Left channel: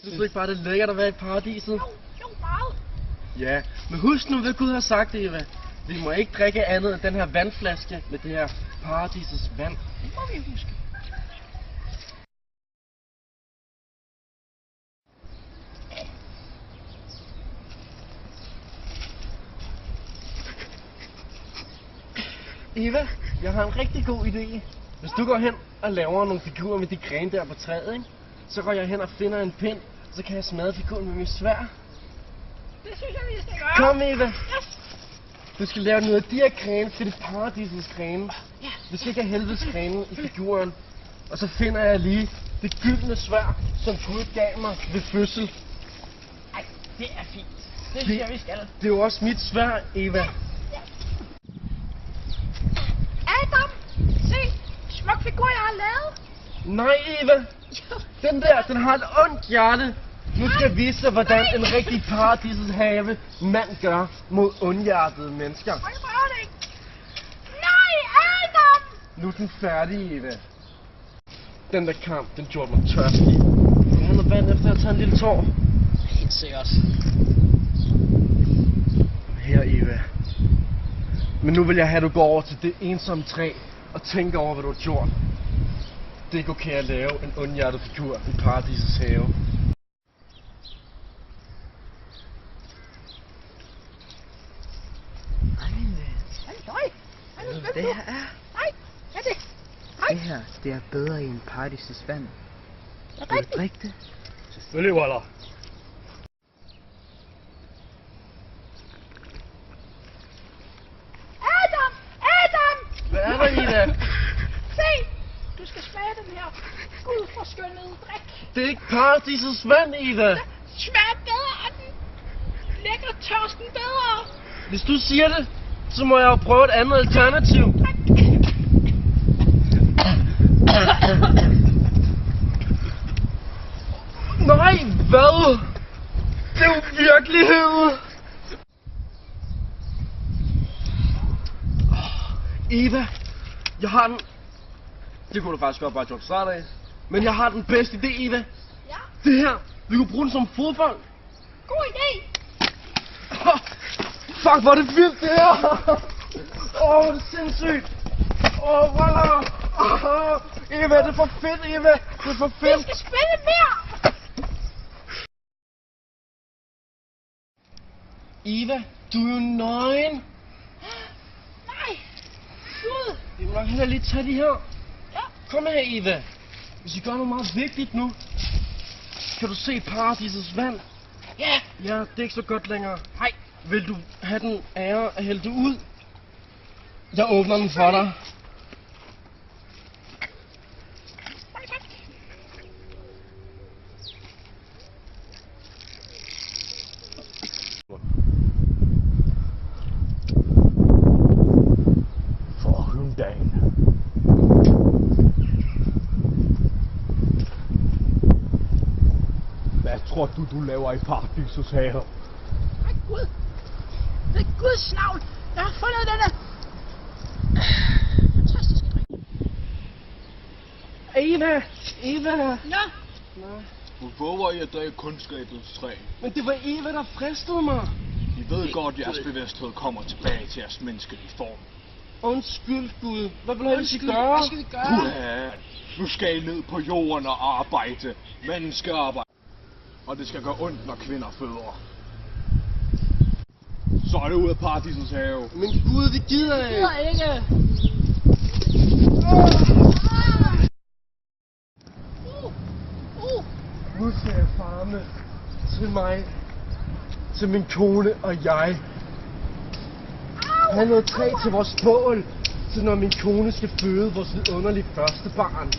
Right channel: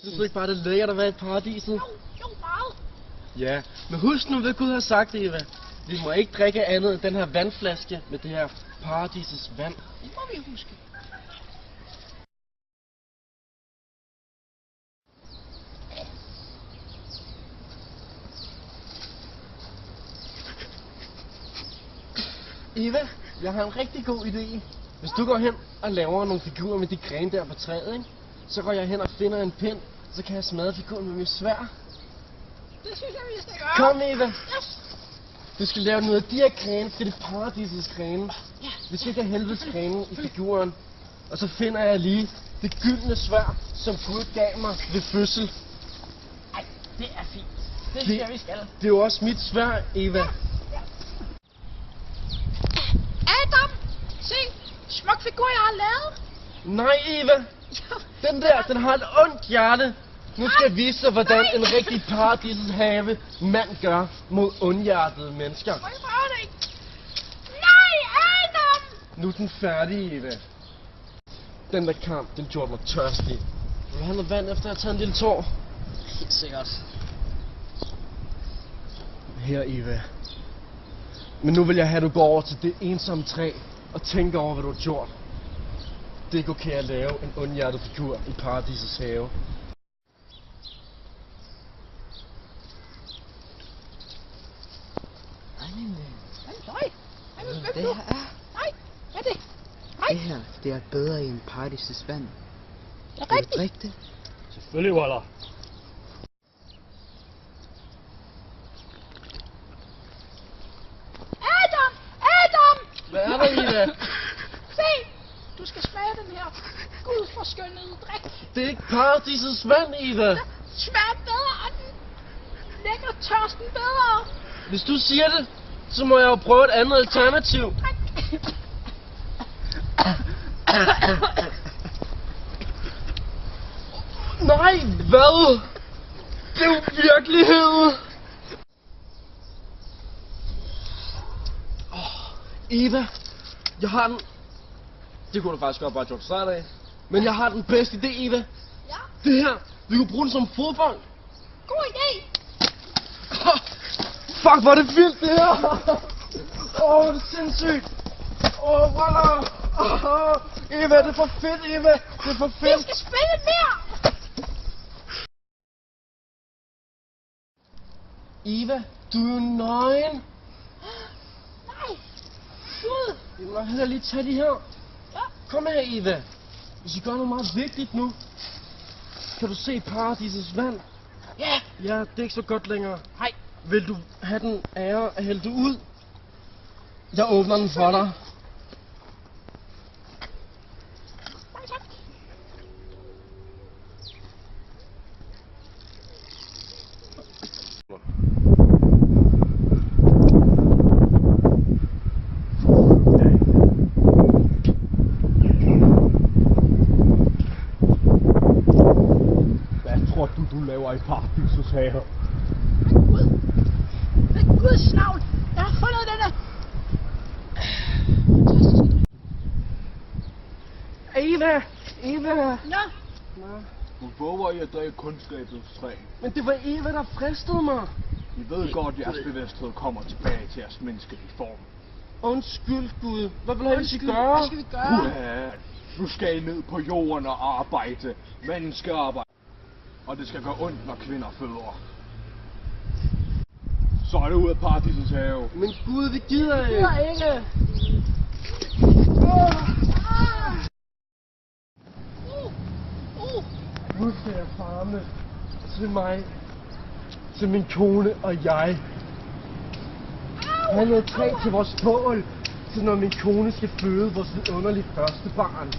Synes du ikke bare, det er lækkert at være i paradiset? Jo, meget. Ja, men husk nu, hvad Gud har sagt, Eva. Vi må ikke drikke andet end den her vandflaske med det her paradisets vand. Det må vi huske. Eva, jeg har en rigtig god idé. Hvis du går hen og laver nogle figurer med de grene der på træet, ikke? Så går jeg hen og finder en pind, så kan jeg smadre figuren med min sværd. Det synes jeg, vi skal gøre. Kom, Eva. Yes. Du skal lave noget af de her grene, det er det paradisets grene. Ja. Du skal ikke have helvedes grene i figuren. Og så finder jeg lige det gyldne sværd, som Gud gav mig ved fødsel. Ej, det er fint. Det synes jeg, vi skal. Det er jo også mit sværd, Eva. Adam, se. Smuk figur, jeg har lavet. Nej, Eva. Den der, den har et ondt hjerte. Nu skal jeg vise dig, hvordan en rigtig paradisets have mand gør mod ondhjertede mennesker. Må jeg prøve det? Nej, Adam! Nu er den færdig, Eva. Den der kamp, den gjorde mig tørstig. Vil du have noget vand, efter jeg har taget en lille tår? Helt sikkert. Her, Eva. Men nu vil jeg have, at du går over til det ensomme træ og tænker over, hvad du har gjort. Det kan okay at lave en ondhjertet figur i paradisets have. Det her er... Nej, hvad er det? Nej. Det her, det er bedre end paradisets vand. Det er Vil du rigtigt. drikke det? Selvfølgelig, Waller. Adam! Adam! Hvad er der, Eva? Se! Du skal smage den her gudforskønnede drik. Det er ikke paradisets vand, Eva. Smager bedre, og den lægger tørsten bedre. Hvis du siger det, så må jeg jo prøve et andet alternativ. Nej, hvad? Det er jo virkelighed. Eva, jeg har den... Det kunne du faktisk godt bare gjort start af. Men jeg har den bedste idé, Eva. Ja, Det her, vi kunne bruge den som fodbold. god idé. Fuck, hvor er det vildt, det her! Det er sindssygt! Voilà! Eva, det er for fedt, Eva! Det er for Vi fedt! skal spille mere. Eva, du er jo nøgen! Nej. Gud. Vi må nok hellere lige tage de her. Ja. Kom her, Eva. Hvis vi gør noget meget vigtigt nu, kan du se paradisets vand? Ja. Ja, det er ikke så godt længere. Nej. Vil du have den ære at hælde det ud? Jeg åbner den for dig. Nej, tak. Hvad tror du laver i paradisets have? Nej, Gud. Det er Guds navn. Jeg har fundet denne fantastiske drik. Eva! Eva! Nå, Nå. Du våger i at drikke kundskabets træ. Men det var Eva, der fristede mig. I ved godt, at jeres bevidsthed kommer tilbage til jeres menneskelige form. Undskyld, Gud. Hvad vil du have, vi skal undskyld. gøre? Hvad skal vi gøre? Ja, nu skal I ned på jorden og arbejde. Menneskearbejde. Og det skal gøre ondt, når kvinder føder. Så er det ud af paradisets have. Men Gud, vi gider ikke. Jeg ikke. Nu ser jeg farme til mig, til min kone og jeg. Han noget træ til vores bål, til når min kone skal føde vores underlige første barn.